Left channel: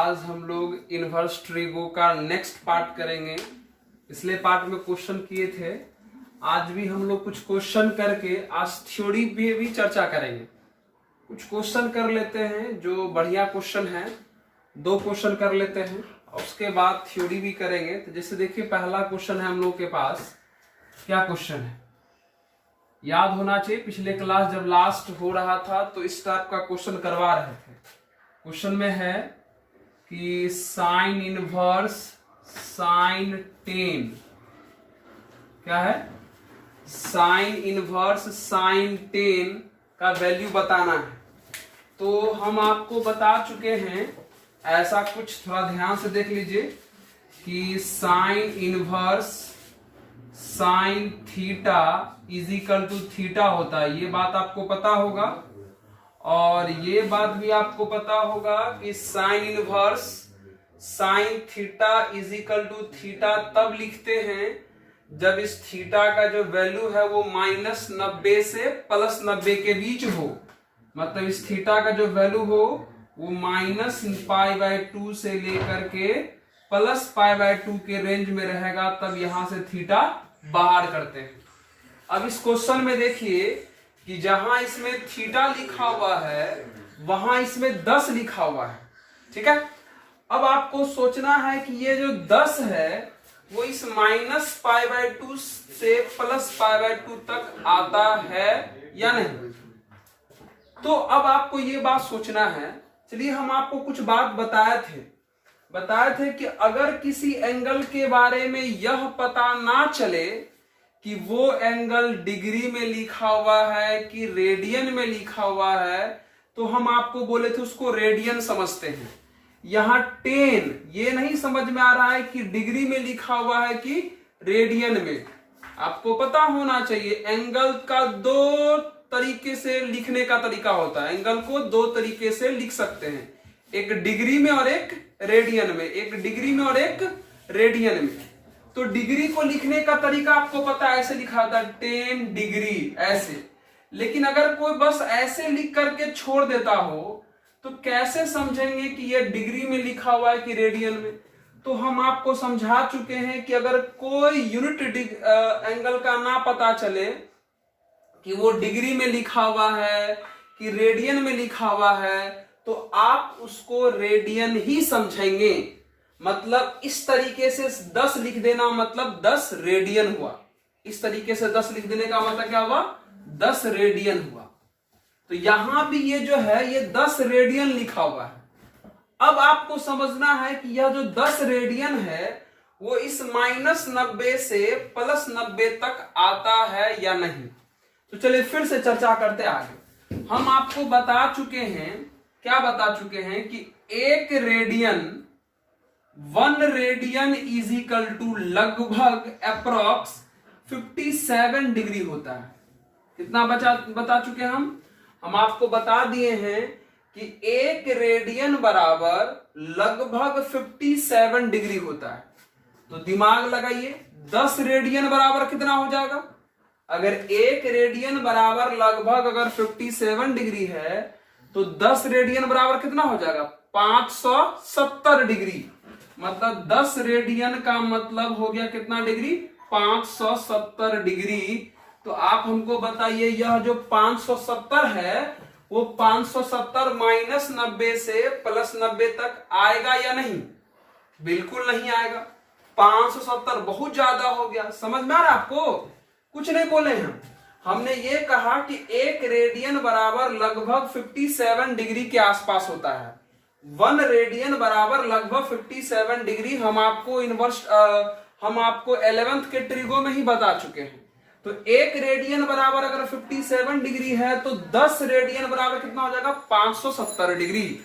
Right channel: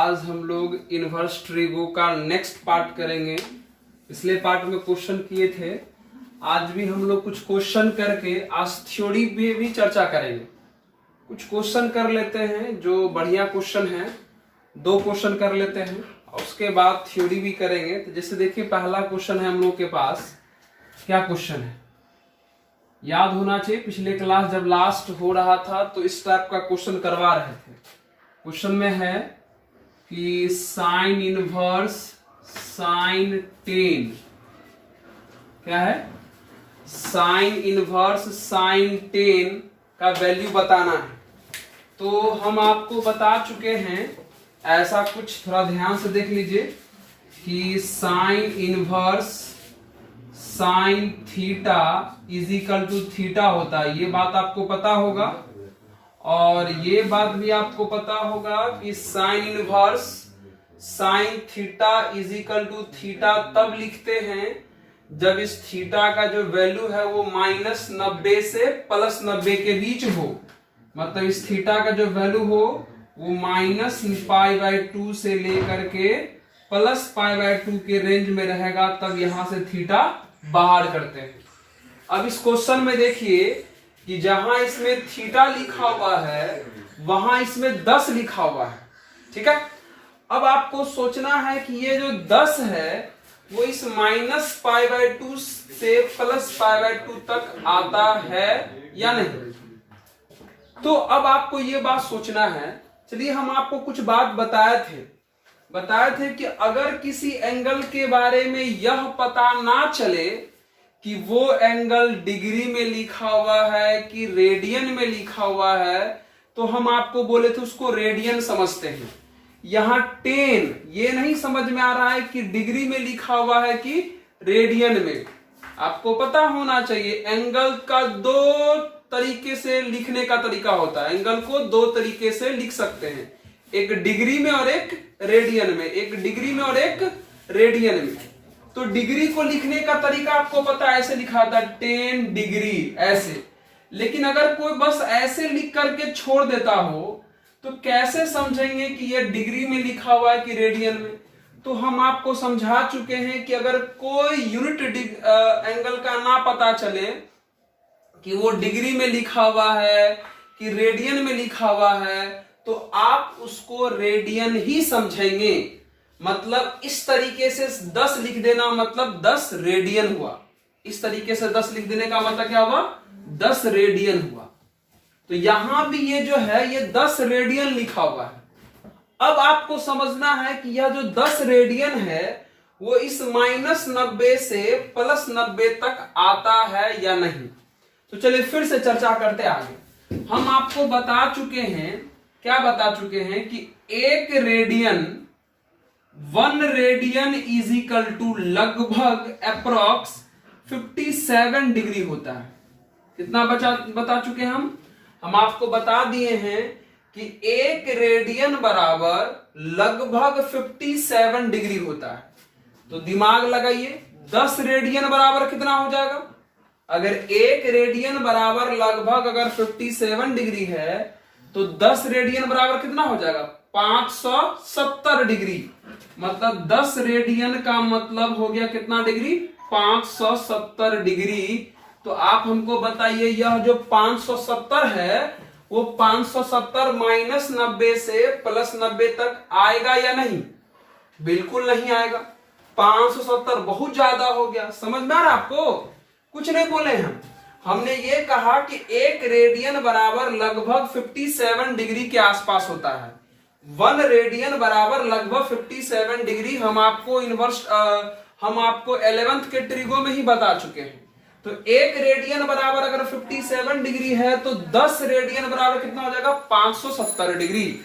आज हम लोग इनवर्स ट्रिगो का नेक्स्ट पार्ट करेंगे। पिछले पार्ट में क्वेश्चन किए थे, आज भी हम लोग कुछ क्वेश्चन करके आज थ्योरी पे भी चर्चा करेंगे। कुछ क्वेश्चन कर लेते हैं जो बढ़िया क्वेश्चन है, 2 क्वेश्चन कर लेते हैं और उसके बाद थ्योरी भी करेंगे। तो जैसे देखिए पहला क्वेश्चन है हम लोग के पास, क्या क्वेश्चन है याद होना चाहिए। पिछले क्लास जब लास्ट हो रहा था तो इस टाइप का क्वेश्चन करवा रहे थे। क्वेश्चन में है कि साइन इनवर्स साइन 10, क्या है, साइन इनवर्स साइन 10 का वैल्यू बताना है। तो हम आपको बता चुके हैं ऐसा कुछ, थोड़ा ध्यान से देख लीजिए कि sine inverse sine theta is equal to theta होता है, ये बात आपको पता होगा। और ये बात भी आपको पता होगा कि sine inverse sine theta is equal to theta तब लिखते हैं जब इस थीटा का जो वैल्यू है वो -90 से +90 के बीच हो। मतलब इस थीटा का जो वैल्यू हो वो -π/2 से लेकर के +π/2 के रेंज में रहेगा, तब यहां से थीटा बाहर करते हैं। अब इस क्वेश्चन में देखिए कि जहां इसमें थीटा लिखा हुआ है वहां इसमें 10 लिखा हुआ है, ठीक है। अब आपको सोचना है कि ये जो 10 है वो इस -π/2 से +π/2 तक आता है या नहीं। तो अब आपको ये बात सोचना है। चलिए हम आपको कुछ बात बताए थे कि अगर किसी एंगल के बारे में यह पता ना चले कि वो एंगल डिग्री में लिखा हुआ है कि रेडियन में लिखा हुआ है, तो हम आपको बोले थे उसको रेडियन समझते हैं। यहां 10 ये नहीं समझ में आ रहा है कि डिग्री में लिखा हुआ है कि रेडियन में। आपको पता होना चाहिए एंगल का 2 तरीके से लिखने का तरीका होता है। एंगल को 2 तरीके से लिख सकते हैं, एक डिग्री में और एक रेडियन में, एक डिग्री में और एक रेडियन में। तो डिग्री को लिखने का तरीका आपको पता है, ऐसे लिखा था 10 डिग्री ऐसे। लेकिन अगर कोई बस ऐसे लिख करके छोड़ देता हो तो कैसे समझेंगे कि ये डिग्री में लिखा हुआ है कि रेडियन में। तो हम आपको समझा चुके हैं कि अगर कोई यूनिट एंगल का ना पता चले कि वो डिग्री में लिखा हुआ है कि रेडियन में लिखा हुआ है, तो आप उसको रेडियन ही समझेंगे। मतलब इस तरीके से 10 लिख देना मतलब 10 रेडियन हुआ। इस तरीके से 10 लिख देने का मतलब क्या हुआ, 10 रेडियन हुआ। तो यहां भी ये जो है ये 10 रेडियन लिखा हुआ है। अब आपको समझना है कि यह जो 10 रेडियन है वो इस -90 से +90 तक आता है या नहीं। तो चलिए फिर से चर्चा करते आगे। हम आपको बता चुके हैं, क्या बता चुके हैं कि 1 रेडियन इज इक्वल टू लगभग अप्रोक्स 57 डिग्री होता है। कितना बता चुके हम आपको बता दिए हैं कि 1 रेडियन बराबर लगभग 57 डिग्री होता है। तो दिमाग लगाइए, 10 रेडियन बराबर कितना हो जाएगा। अगर 1 रेडियन बराबर लगभग अगर 57 डिग्री है तो 10 रेडियन बराबर कितना हो जाएगा, 570 डिग्री। मतलब 10 रेडियन का मतलब हो गया कितना डिग्री, 570 डिग्री। तो आप हमको बताइए यह जो 570 है वो 570 -90 से +90 तक आएगा या नहीं। बिल्कुल नहीं आएगा। 570 बहुत ज्यादा हो गया। समझ में आ रहा है आपको, कुछ नहीं बोले हमने ये कहा कि 1 रेडियन बराबर लगभग 57 डिग्री के आसपास होता है। 1 रेडियन बराबर लगभग 57 डिग्री हम आपको हम आपको 11th के ट्रिगो में ही बता चुके हैं। तो 1 रेडियन बराबर अगर 57 डिग्री है तो 10 रेडियन बराबर कितना हो जाएगा, 570 डिग्री।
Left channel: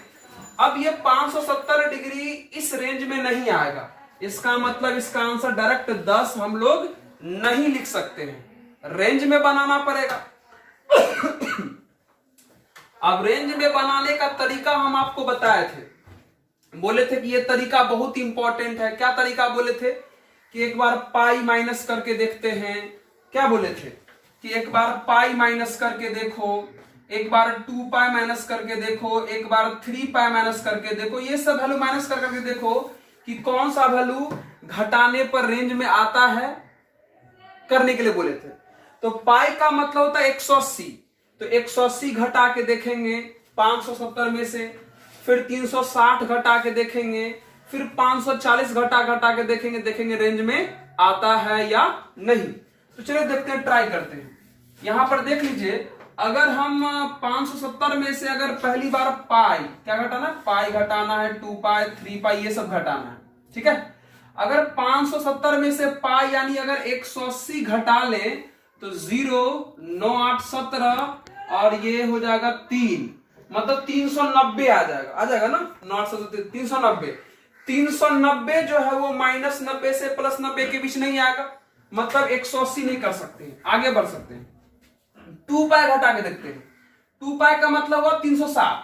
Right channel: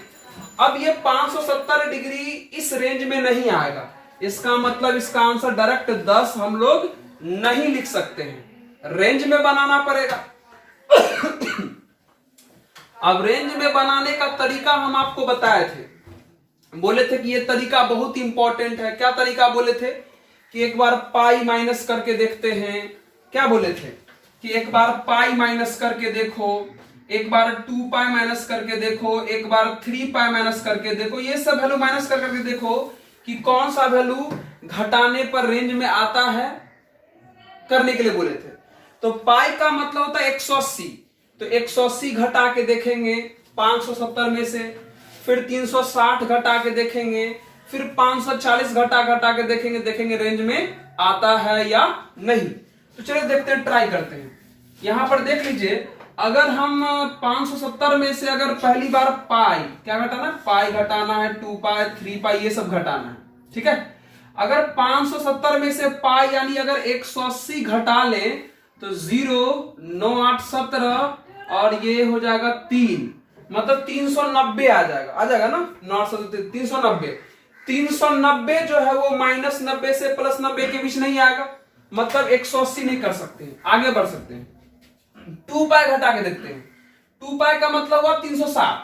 अब ये 570 डिग्री इस रेंज में नहीं आएगा, इसका मतलब इसका आंसर डायरेक्ट 10 हम लोग नहीं लिख सकते हैं, रेंज में बनाना पड़ेगा। अब रेंज में बनाने का तरीका हम आपको बताए थे, बोले थे कि ये तरीका बहुत इंपॉर्टेंट है। क्या तरीका बोले थे कि एक बार पाई माइनस करके देखते हैं। क्या बोले थे कि एक बार पाई माइनस करके देखो एक बार 2 पाई माइनस करके देखो, एक बार 3 पाई माइनस करके देखो, ये सब वैल्यू माइनस करके देखो कि कौन सा वैल्यू घटाने पर रेंज में आता है, करने के लिए बोले थे। तो पाई का मतलब होता है 180, तो 180 घटा के देखेंगे 570 में से, फिर 360 घटा के देखेंगे, फिर 540 घटा के देखेंगे रेंज में आता है या नहीं। तो चलिए देखते हैं, ट्राई करते हैं। यहां पर देख लीजिए, अगर हम 570 में से अगर पहली बार पाई क्या घटाना, पाई घटाना है, 2 पाई 3 पाई ये सब घटाना है, ठीक है। अगर 570 में से पाई यानी अगर 180 घटा लें तो 0 9 8 17 और ये हो जाएगा 3, मतलब 390 आ जाएगा ना, 9 8 390। 390 जो है वो -90 से +90 के बीच नहीं आएगा, मतलब 180 नहीं कर सकते, आगे बढ़ सकते हैं। 2 पाई घटा के देखते हैं, 2 पाई का मतलब हुआ 360,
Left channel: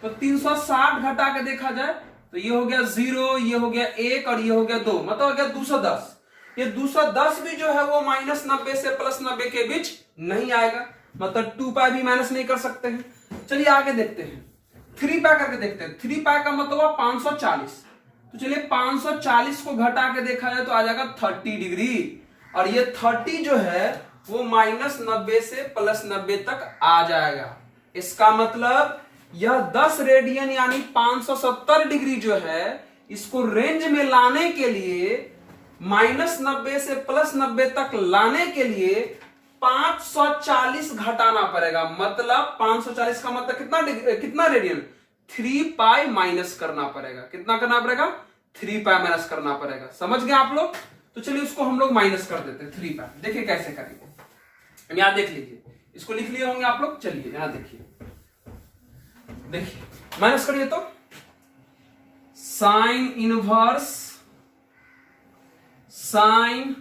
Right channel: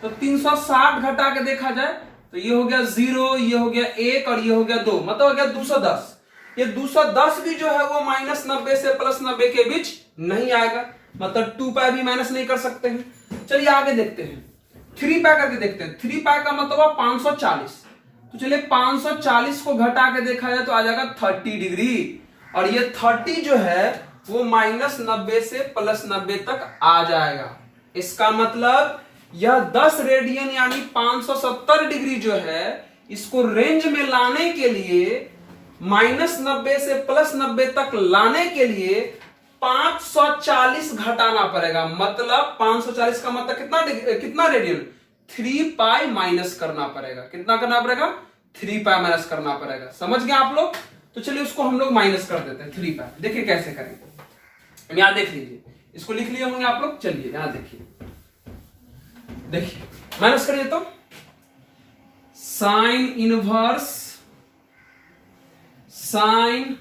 तो 360 घटा के देखा जाए तो ये हो गया 0, ये हो गया 1 और ये हो गया 2, मतलब हो गया 210। ये 210 भी जो है वो -90 से +90 के बीच नहीं आएगा, मतलब 2 पाई भी माइनस नहीं कर सकते हैं। चलिए आगे देखते हैं, 3 पाई करके देखते हैं। 3 पाई का मतलब हुआ 540, तो चलिए 540 को घटा के देखा जाए तो आ जाएगा 30 डिग्री, और ये 30 जो है वो -90 से +90 तक आ जाएगा। इसका मतलब यह 10 रेडियन यानी 570 डिग्री जो है, इसको रेंज में लाने के लिए, -90 से +90 तक लाने के लिए 540 घटाना पड़ेगा। मतलब 540 का मतलब कितना रेडियन, 3 पाई माइनस करना पड़ेगा। कितना करना पड़ेगा, 3 पाई माइनस करना पड़ेगा। समझ गए आप लोग? तो चलिए उसको हम लोग माइनस कर देते हैं 3 पाई। देखिए कैसे करेंगे, यहां देख लीजिए, इसको लिख लिए होंगे आप लोग। चलिए यहां देखिए माइनस करिए तो साइन इनवर्स साइन,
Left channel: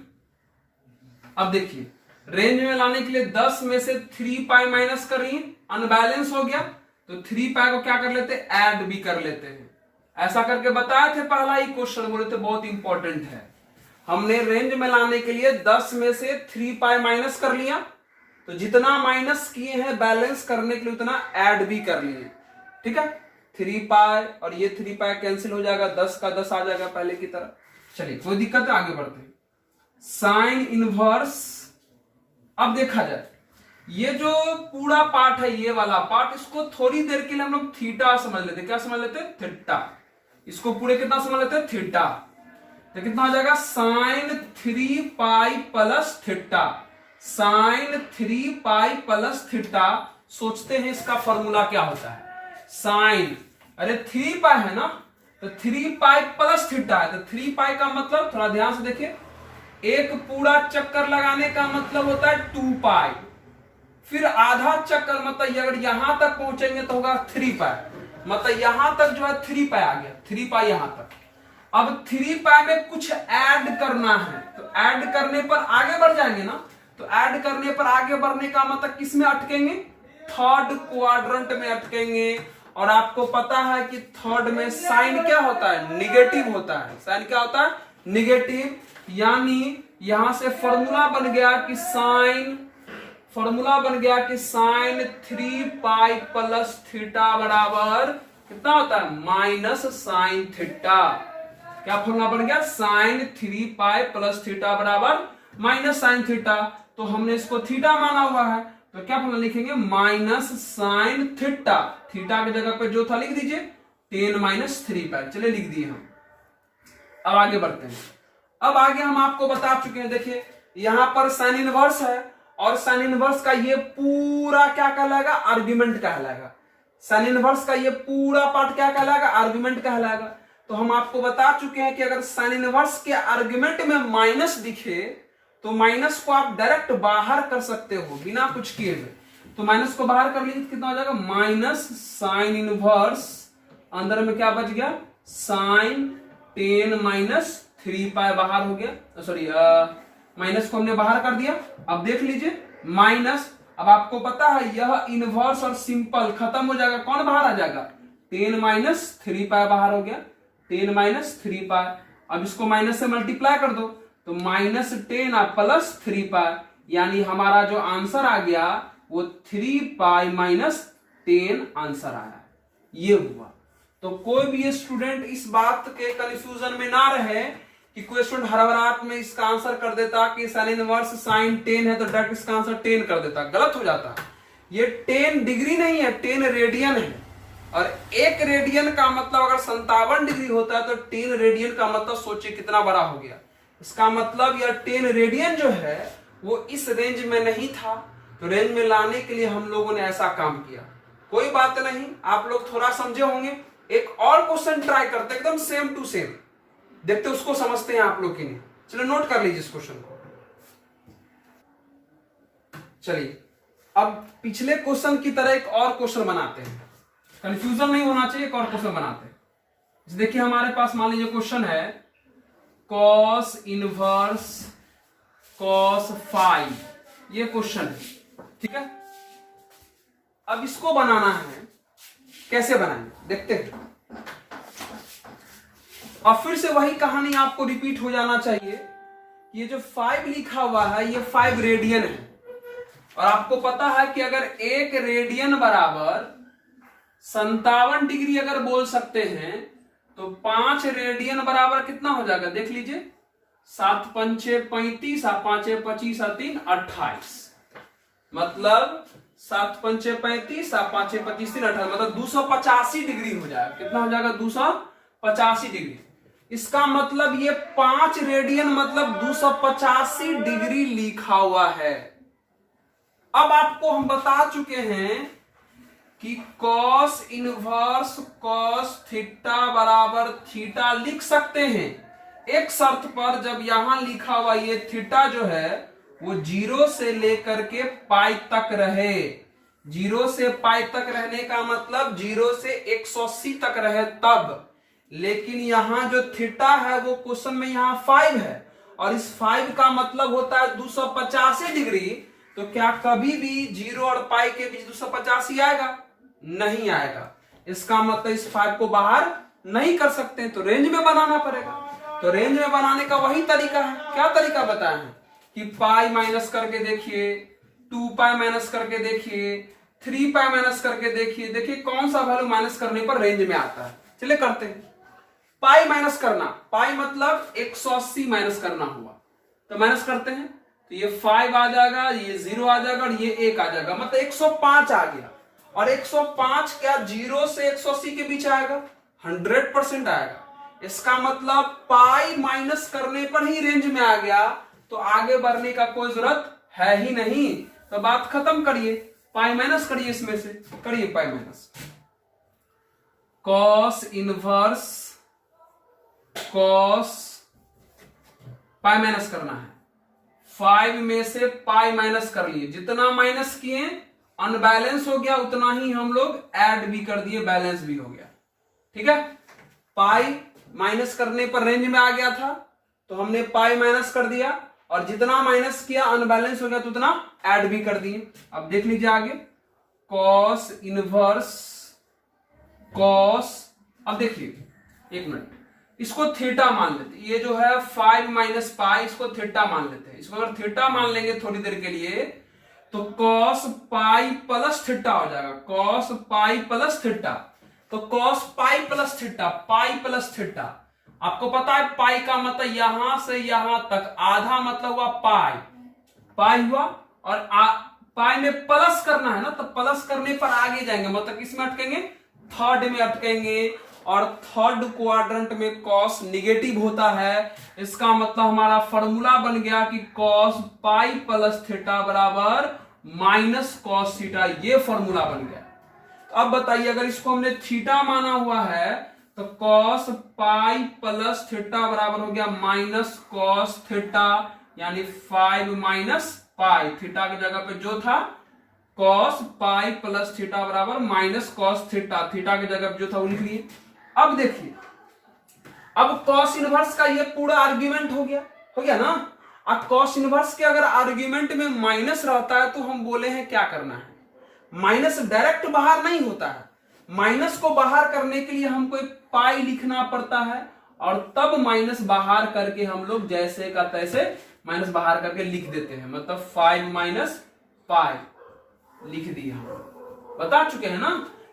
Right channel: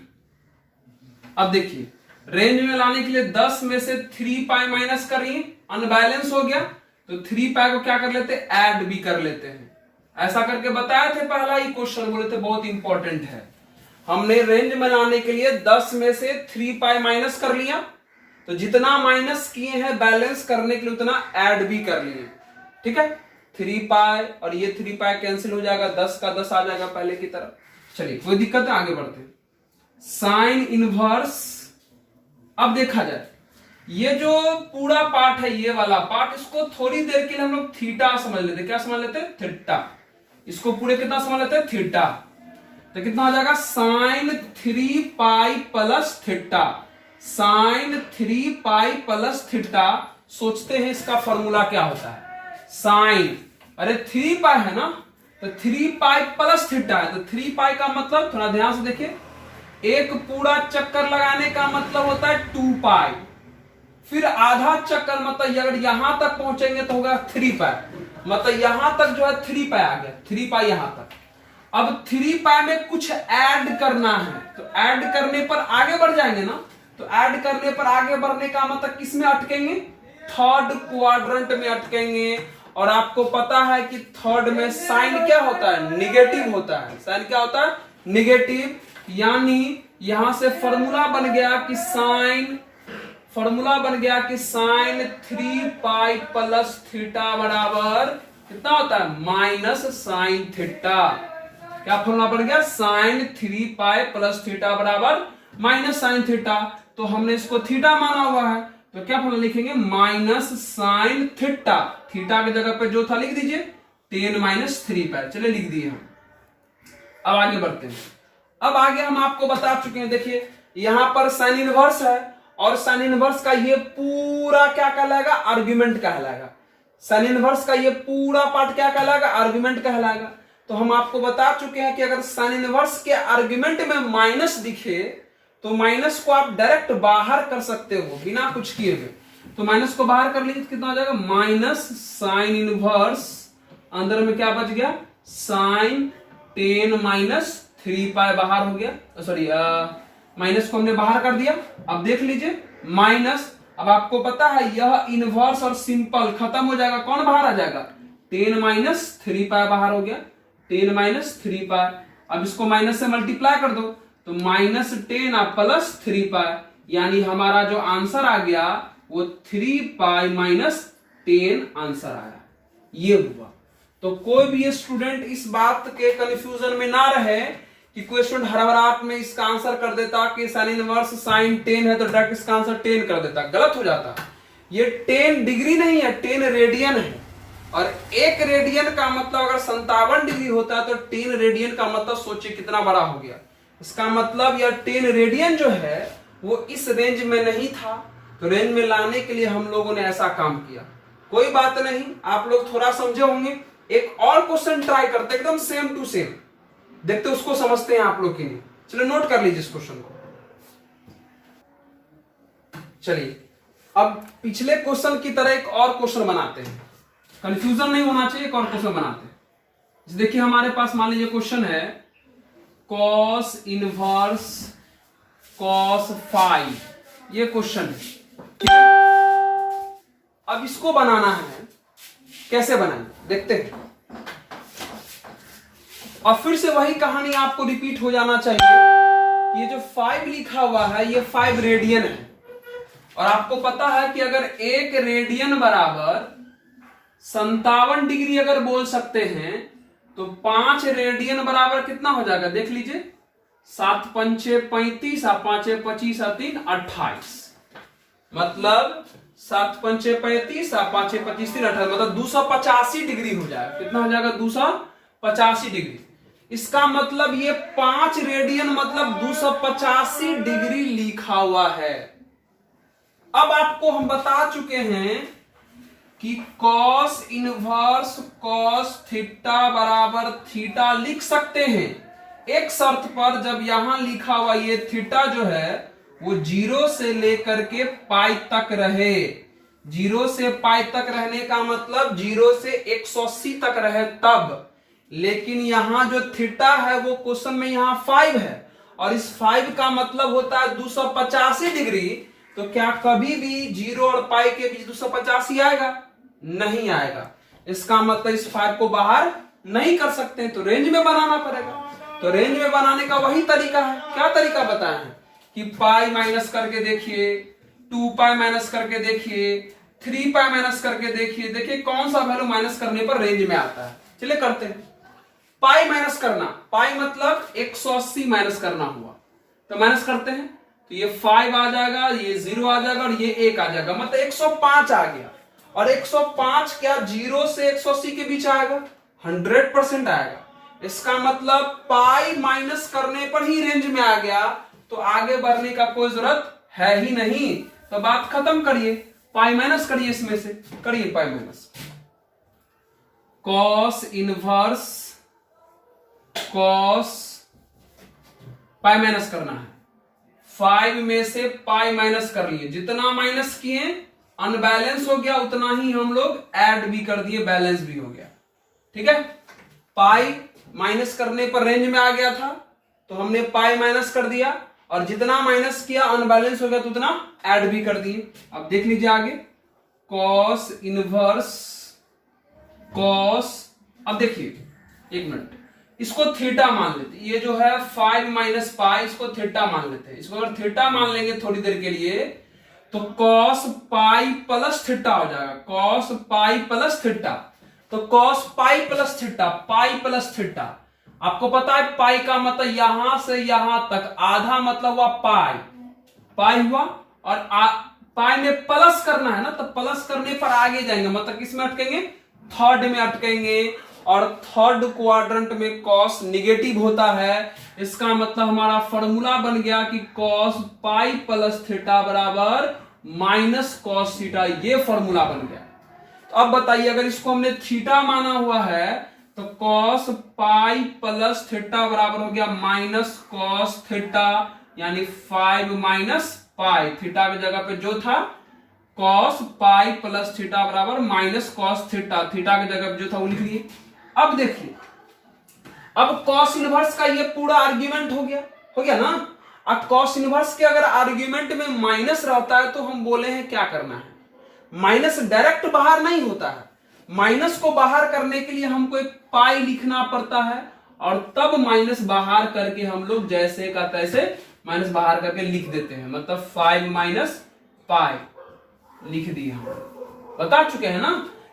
अब देखिए रेंज में लाने के लिए 10 में से 3 पाई माइनस करिए, अनबैलेंस हो गया तो 3 पाई को क्या कर लेते, ऐड भी कर लेते हैं। ऐसा करके बताए थे, पहला ही क्वेश्चन बोले थे, बहुत इंपॉर्टेंट है। हमने रेंज में लाने के लिए 10 में से 3 पाई माइनस कर लिया, तो जितना माइनस किए हैं बैलेंस करने के लिए उतना ऐड भी कर लिए, ठीक है। 3 पाई और ये 3 पाई कैंसिल हो जाएगा, 10 का 10 आ जाएगा पहले की तरह। चलिए कोई दिक्कत है, आगे बढ़ते हैं। साइन इनवर्स, अब देखा जाए ये जो पूरा पार्ट है, ये वाला पार्ट, इसको थोड़ी देर के लिए हम लोग थीटा समझ लेते। क्या समझ लेते हैं, थीटा। इसको पूरे कितना समझ लेते हैं, थीटा। तो कितना हो जाएगा, sine 3 pi plus theta. Sine 3 pi plus theta. सोचते हैं इसका फॉर्मूला क्या होता है। साइन, अरे 3 पाई है ना, तो 3 पाई प्लस थीटा है, तो 3 पाई का मतलब, थोड़ा ध्यान से देखिए, एक पूरा चक्कर लगाने का मतलब होता है 2 पाई, फिर आधा चक्कर, मतलब अगर यहां तक पहुंचेंगे तो होगा 3 पाई, मतलब यहां तक जो है 3 पाई आ गया, 3 पाई यहां तक। अब 3 पाई में कुछ ऐड करना है, तो ऐड करने पर आगे बढ़ जाएंगे ना, तो ऐड करने पर आगे बढ़ने का मतलब किस में अटकेंगे, थर्ड क्वाड्रेंट में अटकेंगे। और आपको पता है कि थर्ड में साइन क्या होता है, निगेटिव होता है। साइन क्या होता है, निगेटिव। यानी यहां से फॉर्मूला बन गया कि साइन 3 पाई प्लस थीटा बराबर कितना होता है, माइनस साइन थीटा। क्या फॉर्मूला बन गया, साइन 3 पाई प्लस थीटा बराबर माइनस साइन थीटा। तो हमने इसको थीटा माना हुआ है, तो क्या फॉर्मूला लिखेंगे, माइनस साइन थीटा। थीटा की जगह पे जो था लिख दीजिए 10 - 3 पाई। चलिए लिख दिए हम। अब आगे बढ़ते हैं। अब आगे हम आपको बता चुके हैं, देखिए यहां पर साइन इनवर्स है, और साइन इनवर्स का ये पूरा क्या कहलाएगा, आर्गुमेंट कहलाएगा। साइन इनवर्स का ये पूरा पार्ट क्या कहलाएगा, आर्गुमेंट कहलाएगा। तो हम आपको बता चुके हैं कि अगर साइन इनवर्स के आर्गुमेंट में माइनस दिखे तो माइनस को आप डायरेक्ट बाहर कर सकते हो बिना कुछ किए हुए। तो माइनस को बाहर कर लीजिए, कितना हो जाएगा, माइनस साइन इनवर्स, अंदर में क्या बच गया, साइन 10 - 3 पाई बाहर हो गया। सॉरी, माइनस को हमने बाहर कर दिया। अब देख लीजिए माइनस, अब आपको पता है यह इनवर्स और सिंपल खत्म हो जाएगा, कौन बाहर आ जाएगा, 10 - 3 पाई बाहर हो गया, 10 - 3 पाई। अब इसको माइनस से मल्टीप्लाई कर दो तो -10 प्लस 3 पाई, यानी हमारा जो आंसर आ गया वो 3 पाई माइनस 10 आंसर आया। ये हुआ। तो कोई भी स्टूडेंट इस बात के कंफ्यूजन में ना रहे कि कोई स्टूडेंट हड़बड़ाहट में इसका आंसर कर देता कि साइन इनवर्स साइन 10 है तो डायरेक्ट इसका आंसर 10 कर देता, गलत हो जाता। ये 10 डिग्री नहीं है, 10 रेडियन है। और 1 रेडियन का मतलब अगर 57 डिग्री होता है तो 10 रेडियन का मतलब सोचिए कितना बड़ा हो गया। इसका मतलब यह 10 रेडियन जो है वो इस रेंज में नहीं था, तो रेंज में लाने के लिए हम लोगों ने ऐसा काम किया। कोई बात नहीं, आप लोग थोड़ा समझे होंगे। एक और क्वेश्चन ट्राई करते एकदम सेम टू सेम, देखते उसको समझते हैं आप लोग की नहीं। चलिए नोट कर लीजिए इस क्वेश्चन को। चलिए अब पिछले क्वेश्चन की तरह एक और क्वेश्चन बनाते हैं, कंफ्यूजन नहीं होना चाहिए। एक और क्वेश्चन बनाते हैं। देखिए हमारे पास मान लीजिए क्वेश्चन है cos इनवर्स cos 5, ये क्वेश्चन है, ठीक है। अब इसको बनाना है, कैसे बनाएंगे देखते हैं। और फिर से वही कहानी आपको रिपीट हो जाना चाहिए। ये जो 5 लिखा हुआ है ये 5 रेडियन है, और आपको पता है कि अगर 1 रेडियन बराबर 57 डिग्री अगर बोल सकते हैं तो 5 रेडियन बराबर कितना हो जाएगा देख लीजिए। 7 पंचे 35, 5 25, 3 28, मतलब 7 पंचे 35, 5 25, 3 28, मतलब 285 डिग्री हो जाएगा। कितना हो जाएगा 285 डिग्री। इसका मतलब ये 5 रेडियन मतलब 285 डिग्री लिखा हुआ है। अब आपको हम बता चुके हैं कि cos इनवर्स cos थीटा बराबर थीटा लिख सकते हैं, एक शर्त पर, जब यहां लिखा हुआ ये थीटा जो है वो 0 से लेकर के पाई तक रहे। 0 से पाई तक रहने का मतलब 0 से 180 तक रहे तब। लेकिन यहां जो थीटा है वो क्वेश्चन में यहां 5 है, और इस 5 का मतलब होता है 285 डिग्री। तो क्या कभी भी 0 और पाई के बीच 285 आएगा? नहीं आएगा। इसका मतलब इस 5 को बाहर नहीं कर सकते, तो रेंज में बनाना पड़ेगा। तो रेंज में बनाने का वही तरीका है। क्या तरीका बताया है कि पाई माइनस करके देखिए, 2 पाई माइनस करके देखिए, 3 पाई माइनस करके देखिए, देखिए कौन सा वैल्यू माइनस करने पर रेंज में आता है। चलिए करते हैं। पाई माइनस करना, पाई मतलब 180 माइनस करना हुआ, तो माइनस करते हैं तो ये 5 आ जाएगा, ये 0 आ जाएगा और ये 1 आ जाएगा, मतलब 105 आ गया। और 105 क्या 0 से 180 के बीच आएगा? 100% आएगा। इसका मतलब पाई माइनस करने पर ही रेंज में आ गया, तो आगे बढ़ने का कोई जरूरत है ही नहीं। तो बात खत्म करिए, पाई माइनस करिए, इसमें से करिए pi minus. cos inverse cos pi minus करना है, 5 में से पाई माइनस कर लिए, जितना माइनस किए अनबैलेंस हो गया उतना ही हम लोग ऐड भी कर दिए, बैलेंस भी हो गया। ठीक है, पाई माइनस करने पर रेंज में आ गया था तो हमने पाई माइनस कर दिया, और जितना माइनस किया अनबैलेंस हो गया तो उतना ऐड भी कर दिए। अब देख लीजिए आगे, cos इनवर्स cos, अब देखिए एक मिनट, इसको थीटा मान लेते, ये जो है 5 माइनस पाई, इसको थीटा मान लेते हैं। इसको अगर थीटा मान लेंगे थोड़ी देर के लिए तो cos पाई प्लस थीटा हो जाएगा, cos पाई प्लस थीटा। तो cos पाई प्लस थीटा, पाई प्लस थीटा, आपको पता है पाई का मतलब यहां से यहां तक आधा, मतलब हुआ पाई, पाई हुआ, और पाई में प्लस करना है ना, तो प्लस करने पर आगे जाएंगे, मतलब किसमें अटकेंगे? थर्ड में अटकेंगे, और थर्ड क्वाड्रेंट में cos निगेटिव होता है। इसका मतलब हमारा फॉर्मूला बन गया कि cos पाई प्लस थीटा बराबर माइनस cos थीटा, ये फॉर्मूला बन गया। तो अब बताइए, अगर इसको हमने थीटा माना हुआ है तो cos पाई प्लस थीटा बराबर हो गया माइनस cos थीटा, यानी 5 माइनस पाई, थीटा की जगह पे जो था cos पाई प्लस थीटा बराबर माइनस cos थीटा, थीटा की जगह पे जो था वो लिख लिए। अब देखिए, अब cos इनवर्स का ये पूरा आर्ग्यूमेंट हो गया ना। अब cos इनवर्स के अगर आर्ग्यूमेंट में माइनस रहता है तो हम बोले हैं क्या करना है, माइनस डायरेक्ट बाहर नहीं होता है, माइनस को बाहर करने के लिए हमको एक पाई लिखना पड़ता है, और तब माइनस बाहर करके हम लोग जैसे का तैसे माइनस बाहर करके लिख देते हैं, मतलब 5 माइनस पाई। लिख दिया, बता चुके हैं ना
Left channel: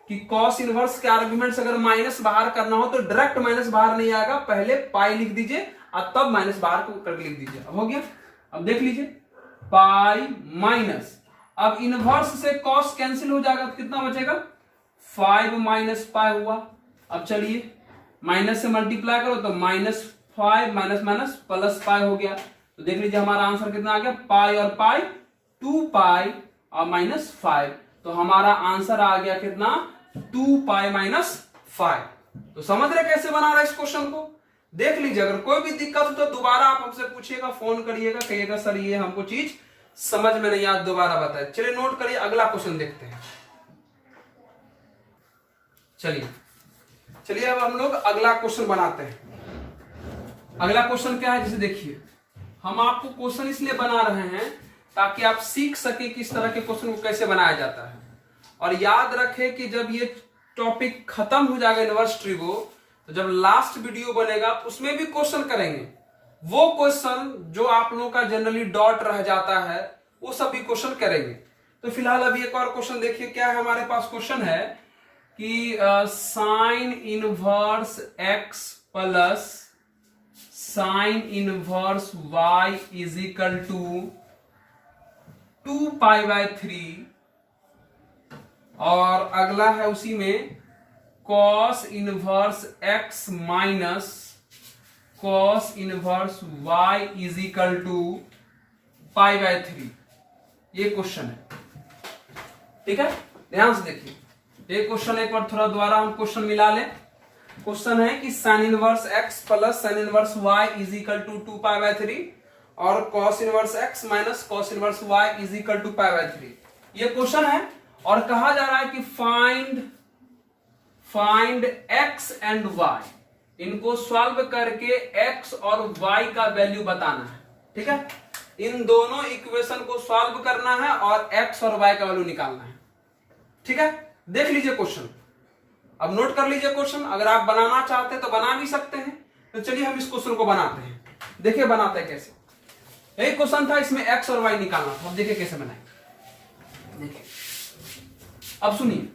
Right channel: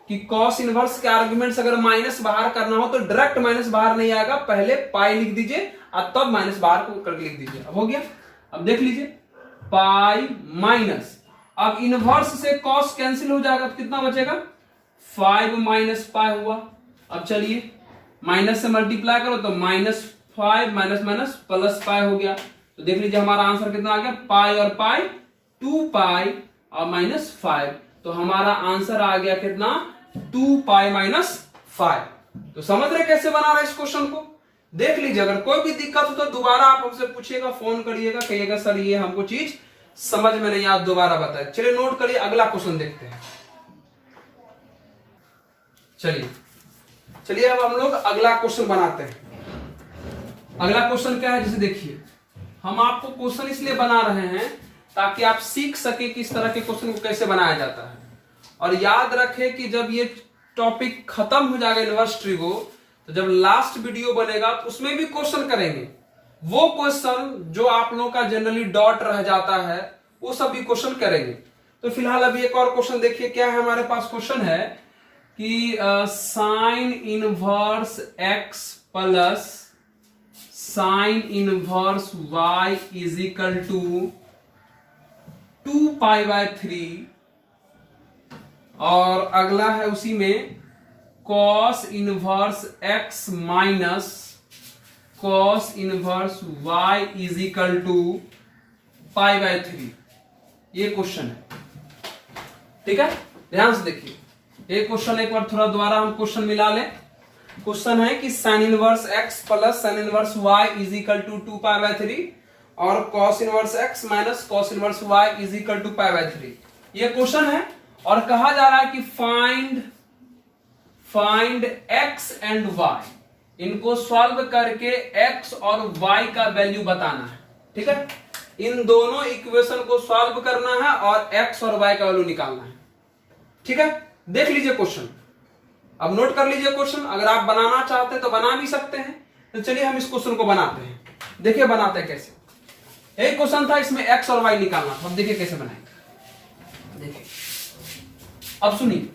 कि कॉस इनवर्स के आर्ग्यूमेंट्स अगर माइनस बाहर करना हो तो डायरेक्ट माइनस बाहर नहीं आएगा, पहले पाई लिख दीजिए और तब माइनस बाहर को करके लिख दीजिए। अब हो गया, अब देख लीजिए पाई माइनस, अब इनवर्स से कॉस कैंसिल हो जाएगा तो कितना बचेगा 5 माइनस पाई हुआ। अब चलिए माइनस से मल्टीप्लाई करो तो -5 माइनस माइनस प्लस पाई हो गया, तो देख लीजिए हमारा आंसर कितना आ गया, पाई और पाई 2 पाई और -5, तो हमारा आंसर आ गया कितना 2 पाई -5। तो समझ रहे कैसे बना रहे इस क्वेश्चन को। देख लीजिए, अगर कोई भी दिक्कत हो तो दोबारा आप हमसे पूछिएगा, फोन करिएगा, कहिएगा सर ये हमको चीज समझ में नहीं आया, दोबारा बताए। चलिए नोट करिए, अगला क्वेश्चन देखते हैं। चलिए अब हम लोग अगला क्वेश्चन बनाते हैं। अगला क्वेश्चन क्या है, जैसे देखिए हम आपको क्वेश्चन इसलिए बना रहे हैं ताकि आप सीख सके कि इस तरह के क्वेश्चन को कैसे बनाया जाता है, और याद रखें कि जब ये टॉपिक खत्म हो जाएगा इनवर्स ट्रिगो, तो जब लास्ट वीडियो बनेगा तो उसमें भी क्वेश्चन करेंगे। वो क्वेश्चन जो आप लोगों का जनरली डॉट रह जाता है वो सब भी क्वेश्चन करेंगे। तो फिलहाल अभी एक और क्वेश्चन देखिए, क्या है हमारे पास क्वेश्चन है कि sine inverse x plus sine inverse y is equal to 2 pi by 3, और अगला है उसी में cos inverse x minus cos inverse y is equal to pi by 3। ये क्वेश्चन है, ठीक है, ध्यान से देखिए ये क्वेश्चन। एक बार थोड़ा दोबारा हम क्वेश्चन मिला लें। क्वेश्चन है कि sine inverse x plus sine inverse y is equal to 2 pi by 3 और cos inverse x minus cos inverse y is equal to pi by 3। ये क्वेश्चन है और कहा जा रहा है कि फाइंड एक्स एंड वाई, इनको सॉल्व करके एक्स और वाई का वैल्यू बताना है, ठीक है। इन दोनों इक्वेशन को सॉल्व करना है और एक्स और वाई का वैल्यू निकालना है, ठीक है। देख लीजिए क्वेश्चन, अब नोट कर लीजिए क्वेश्चन। अगर आप बनाना चाहते हैं तो बना भी सकते हैं। तो चलिए हम इस क्वेश्चन को बनाते हैं, देखिए बनाते हैं कैसे। यही क्वेश्चन था, इसमें एक्स और वाई निकालना था। अब देखिए कैसे बनाएंगे, देखिए अब सुनिए।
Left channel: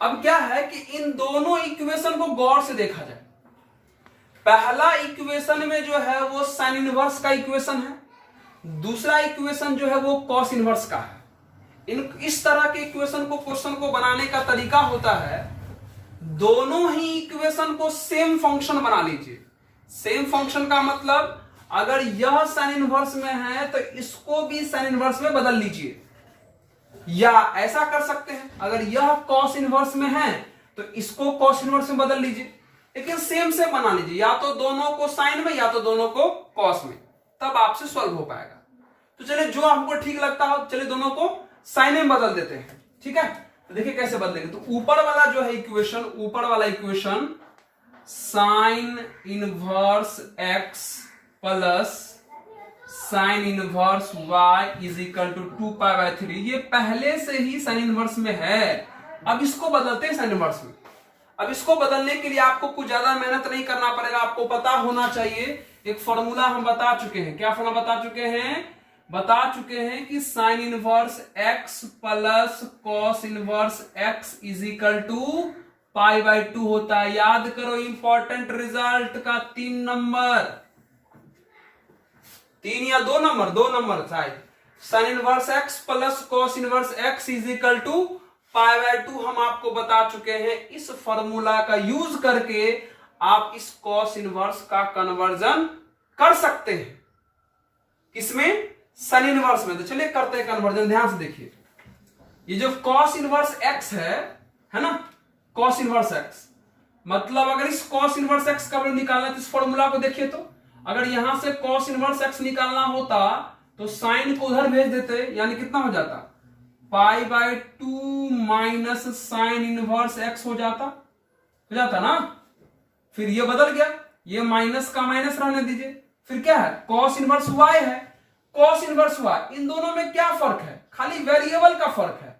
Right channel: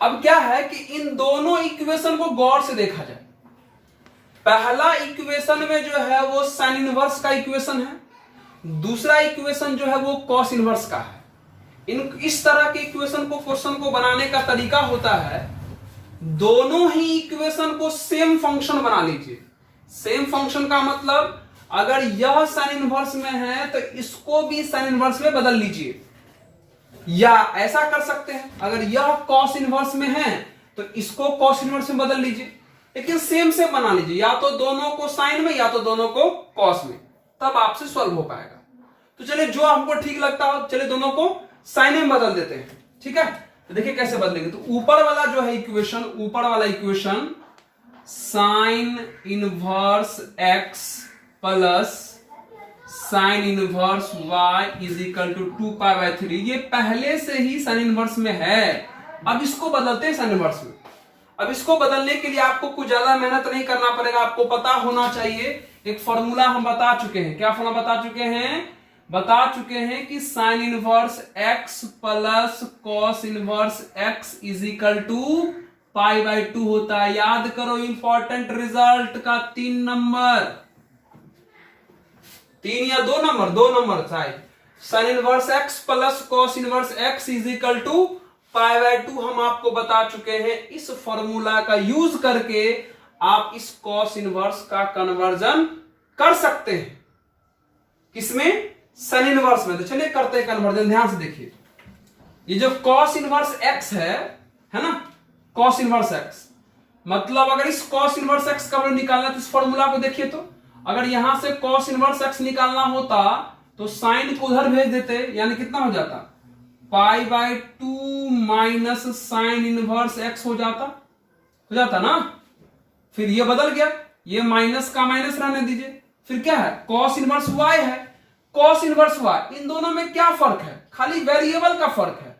अब क्या है कि इन दोनों इक्वेशन को गौर से देखा जाए। पहला इक्वेशन में जो है वो साइन इनवर्स का इक्वेशन है, दूसरा इक्वेशन जो है वो कॉस इनवर्स का है। इस तरह के इक्वेशन को क्वेश्चन को बनाने का तरीका होता है, दोनों ही इक्वेशन को सेम फंक्शन बना लीजिए। सेम फंक्शन का मतलब अगर यह साइन इनवर्स में है तो इसको भी साइन इनवर्स में बदल लीजिए, या ऐसा कर सकते हैं अगर यह कॉस इनवर्स में है तो इसको कॉस इनवर्स में बदल लीजिए, लेकिन सेम सेम बना लीजिए, या तो दोनों को साइन में या तो दोनों को कॉस में, तब आपसे सॉल्व हो पाएगा। तो चलिए जो हमको ठीक लगता हो, चलिए दोनों को साइन में बदल देते हैं, ठीक है। तो देखिए कैसे बदलेंगे। तो ऊपर वाला जो है इक्वेशन, ऊपर वाला equation sine inverse x plus sine inverse y is equal to 2 pi by 3, ये पहले से ही साइन इनवर्स में है। अब इसको बदलते हैं साइन इनवर्स में। अब इसको बदलने के लिए आपको कुछ ज्यादा मेहनत नहीं करना पड़ेगा, आपको पता होना चाहिए एक फॉर्मूला हम बता चुके हैं। क्या फॉर्मूला बता चुके हैं कि sine inverse x plus cos inverse x is equal to pi by 2 होता है। याद करो इंपॉर्टेंट रिजल्ट का 3 नंबर, 3 या 2 नंबर, 2 नंबर शायद। Sine inverse x plus cos inverse x is equal to pi by 2 हम आपको बता चुके हैं। इस फॉर्मूला का यूज करके आप इस कॉस इनवर्स का कन्वर्जन कर सकते हैं। किसमें? साइन इनवर्स में। तो चलिए करते हैं कन्वर्जन, ध्यान से देखिए। ये जो कॉस इनवर्स x है ना, कॉस इनवर्स x, मतलब अगर इस कॉस इनवर्स x का वैल्यू निकालना है तो इस फॉर्मूला को देखिए। तो अगर यहां से कॉस इनवर्स x निकालना होता तो साइन को उधर भेज देते, यानी कितना हो जाता, पाई by 2 minus sign inverse x हो जाता ना। फिर ये बदल गया, ये माइनस का माइनस रहने दीजिए। फिर क्या है, कॉस इनवर्स y है, कॉस इनवर्स y। इन दोनों में क्या फर्क है, खाली वेरिएबल का फर्क है।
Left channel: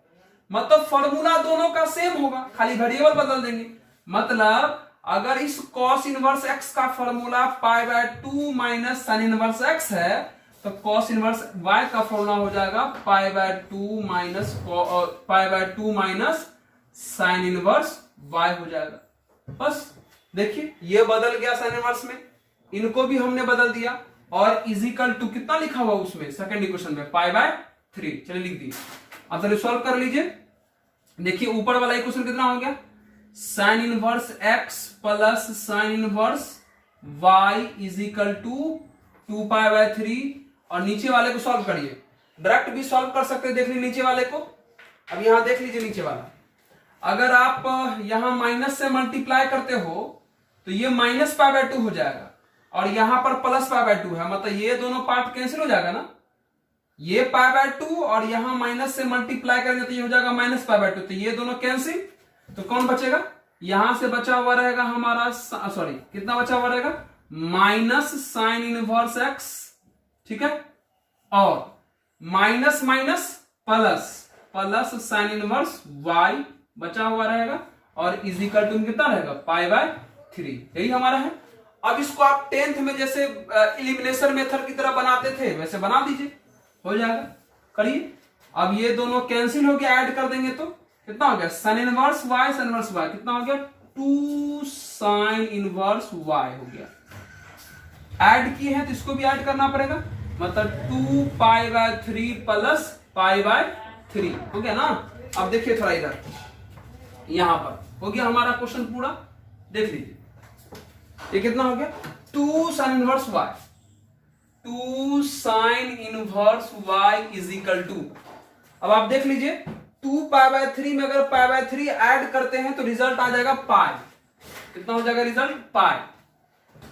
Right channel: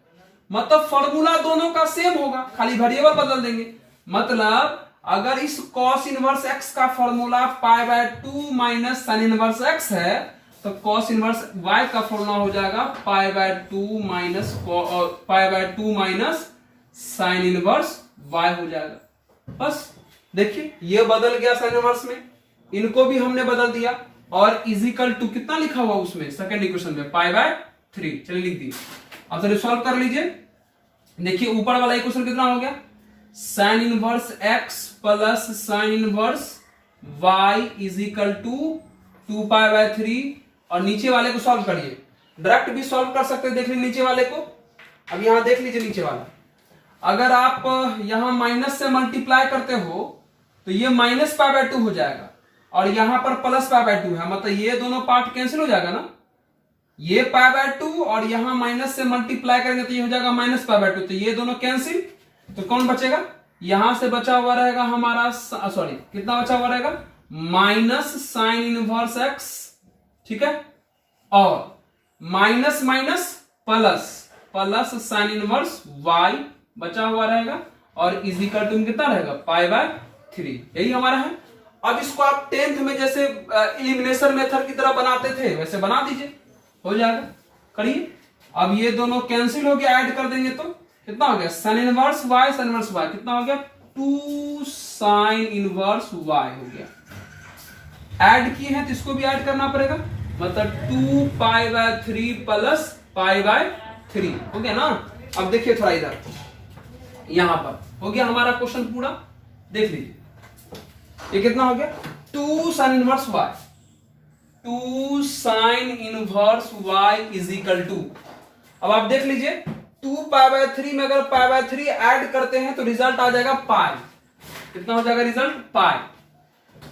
मतलब फॉर्मूला दोनों का सेम होगा, खाली वेरिएबल बदल देंगे। मतलब अगर इस कॉस इनवर्स x का formula pi by 2 minus sign inverse x है तो कॉस इनवर्स y का फॉर्मूला हो जाएगा π/2 माइनस साइन इनवर्स y हो जाएगा। बस देखिए ये बदल गया साइन इनवर्स में, इनको भी हमने बदल दिया और इजिकल टू कितना लिखा हुआ उसमें सेकंड इक्वेशन में π/3। चलिए लिख दिए। अब चलिए सॉल्व कर लीजिए। देखिए ऊपर वाला इक्वेशन कितना हो गया, sine inverse x plus sine inverse y is equal to 2π/3 और नीचे वाले को सॉल्व करिए। डायरेक्ट भी सॉल्व कर सकते हैं, देख लीजिए नीचे वाले को। अब यहां देख लीजिए नीचे वाला, अगर आप यहां माइनस से मल्टीप्लाई करते हो तो ये माइनस π/2 हो जाएगा और यहां पर प्लस π/2 है, मतलब ये दोनों पार्ट कैंसिल हो जाएगा ना, ये π/2 और यहां माइनस से मल्टीप्लाई करेंगे तो ये हो जाएगा माइनस π/2, तो ये दोनों कैंसिल। तो कौन बचेगा, यहां से बचा हुआ रहेगा हमारा, सॉरी कितना बचा हुआ रहेगा, माइनस साइन इनवर्स x, ठीक है, और minus minus plus plus sine inverse y बचा हुआ रहेगा और इजिकल टू कितना रहेगा π/3। यही हमारा है। अब इसको आप 10th में जैसे एलिमिनेशन मेथड की तरह बनाते थे वैसे बना दीजिए, हो जाएगा। करिए। अब ये दोनों कैंसिल हो गया, ऐड कर देंगे तो कितना हो गया, sine inverse y sign inverse y कितना हो गया, 2 साइन इनवर्स y हो गया। ऐड किए हैं तो इसको भी ऐड करना पड़ेगा, मतलब 2π/3 प्लस π/3 हो गया ना। अब देखिए थोड़ा इधर, यहां पर हो गया हमारा क्वेश्चन पूरा। देख लीजिए ये कितना हो गया, 2 sine inverse y, 2 sine inverse y is equal to, अब आप देख लीजिए 2π/3 में अगर π/3 ऐड करते हैं तो रिजल्ट आ जाएगा पाई। कितना हो जाएगा रिजल्ट, पाई।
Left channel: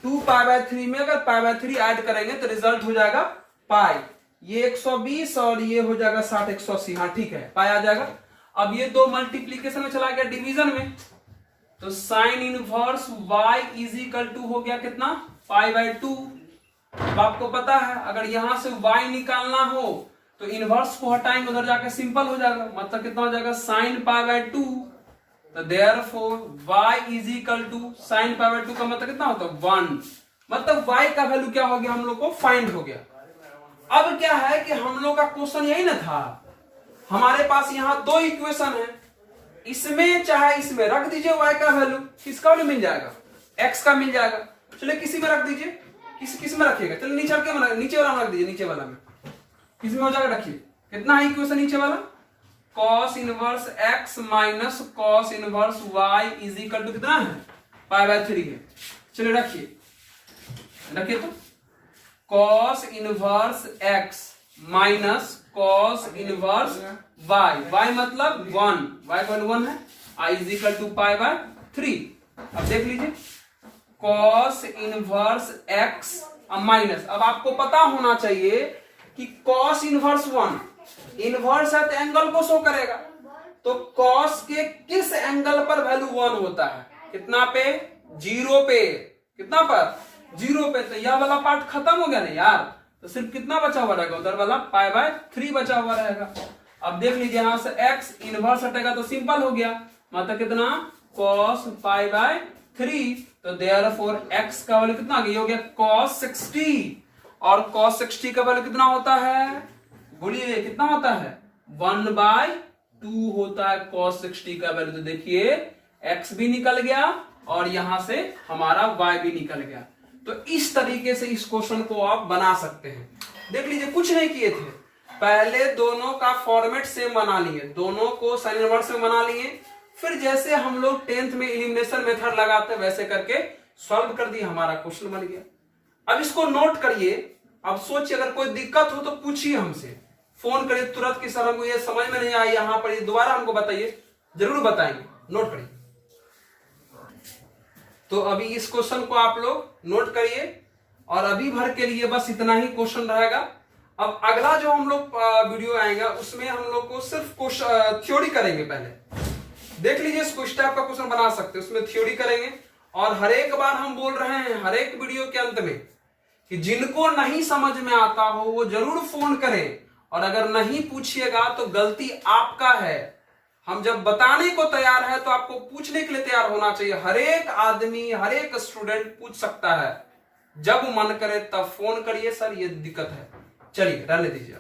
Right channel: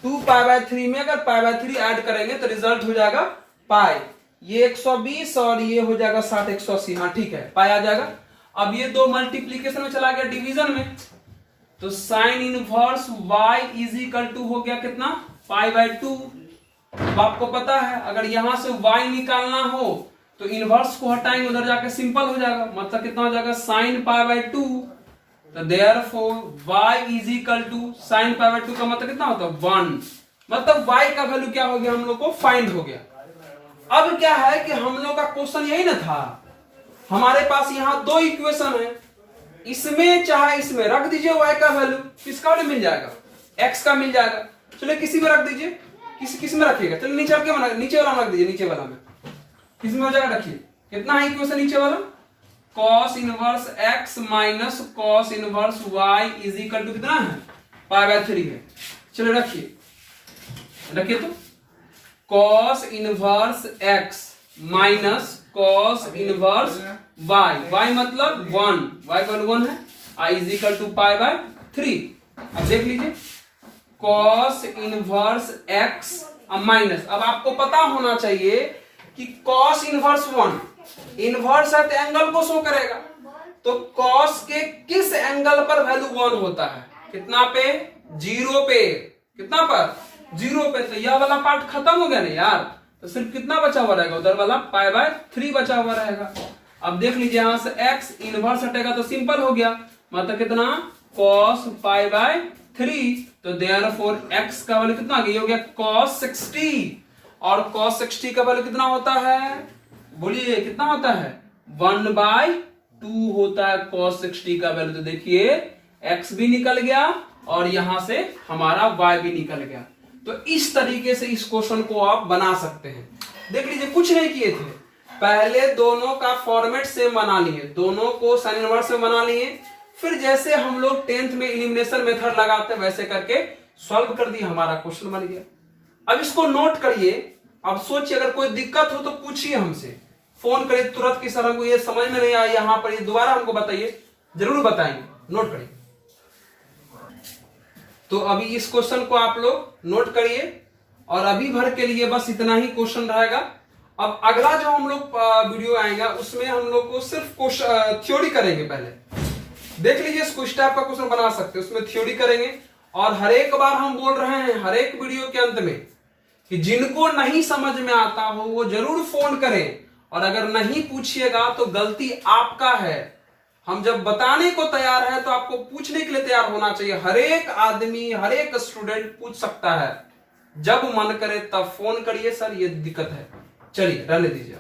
2π/3 में अगर π/3 ऐड करेंगे तो रिजल्ट हो जाएगा पाई। ये 120 और ये हो जाएगा 60 180, हाँ ठीक है, पाई आ जाएगा। अब ये दो मल्टीप्लीकेशन में चला गया डिवीजन में, तो sine inverse y is equal to हो गया कितना, π/2। अब आपको पता है अगर यहां से y निकालना हो तो इनवर्स को हटाएंगे, उधर जाके सिंपल हो जाएगा, मतलब कितना हो जाएगा साइन π/2। तो therefore y is equal to sine π/2 का मतलब कितना होता है 1, मतलब y का वैल्यू क्या हो गया, हम लोग को फाइंड हो गया। अब क्या है कि हम लोग का क्वेश्चन यही ना था, हमारे पास यहाँ दो इक्वेशन है, इसमें चाहे इसमें रख दीजिए y का वैल्यू, किसका वैल्यू मिल जाएगा, x का मिल जाएगा। चलिए किसी में रख दीजिए, किस में रखिएगा, चलिए नीचे वाला में रख दीजिए, नीचे वाला में किस में हो जाएगा, रखिए कितना है इक्वेशन नीचे वाला, cos inverse x minus cos inverse y is equal to कितना है, π/3 है। चलिए रखिए तो cos inverse x minus cos inverse y मतलब 1, y का 1 है, i इजिकल टू π/3। अब देख लीजिए cos इनवर्स x माइनस, अब आपको पता होना चाहिए कि cos इनवर्स 1 इनवर्स है तो एंगल को शो करेगा, तो cos के किस एंगल पर वैल्यू 1 होता है, कितना पे, 0 पे, कितना पर, 0 पे। तो यह वाला पार्ट खत्म हो गया ना यार, तो सिर्फ कितना बचा हुआ रहेगा, उधर वाला π/3 बचा हुआ रहेगा। अब देख लीजिए यहां से x इनवर्स हटेगा तो सिंपल हो गया, मतलब कितना cos π/3। तो देयरफॉर x का वैल्यू कितना आ गया, ये हो गया cos 60, और cos 60 का वैल्यू कितना होता है, बोलिए कितना होता है, 1/2 होता है cos 60 का वैल्यू। तो देखिए x भी निकल गया और यहां से हमारा y भी निकल गया। तो इस तरीके से इस क्वेश्चन को आप बना सकते हैं। देख लीजिए कुछ नहीं किए थे, पहले दोनों का फॉर्मेट सेम बना लिए, दोनों को साइन इनवर्स में बना लिए, फिर जैसे हम लोग 10th में एलिमिनेशन मेथड लगाते हैं वैसे करके सॉल्व कर दिया, हमारा क्वेश्चन बन गया। अब इसको नोट करिए, अब सोचिए अगर कोई दिक्कत हो तो पूछिए हमसे, फोन करिए तुरंत कि सर हमको ये समझ में नहीं आया यहां पर, ये दोबारा हमको बताइए, जरूर बताएंगे, नोट करिए। तो अभी इस क्वेश्चन को आप लोग नोट करिए और अभी भर के लिए बस इतना ही क्वेश्चन रहेगा। अब अगला जो हम लोग वीडियो आएगा उसमें हम लोग को सिर्फ थ्योरी करेंगे। पहले देख लीजिए इसको, इस टाइप का क्वेश्चन बना सकते हैं, उसमें थ्योरी करेंगे। और हर एक बार हम बोल रहे हैं हर एक वीडियो के अंत में कि जिनको नहीं समझ में आता हो वो जरूर फोन करें, और अगर नहीं पूछिएगा तो गलती आपका है। हम जब बताने को तैयार है तो आपको पूछने के लिए तैयार होना चाहिए। हर एक आदमी, हर एक स्टूडेंट पूछ सकता है, जब मन करे तब फोन करिए, सर ये दिक्कत है, चलिए रहने दीजिए।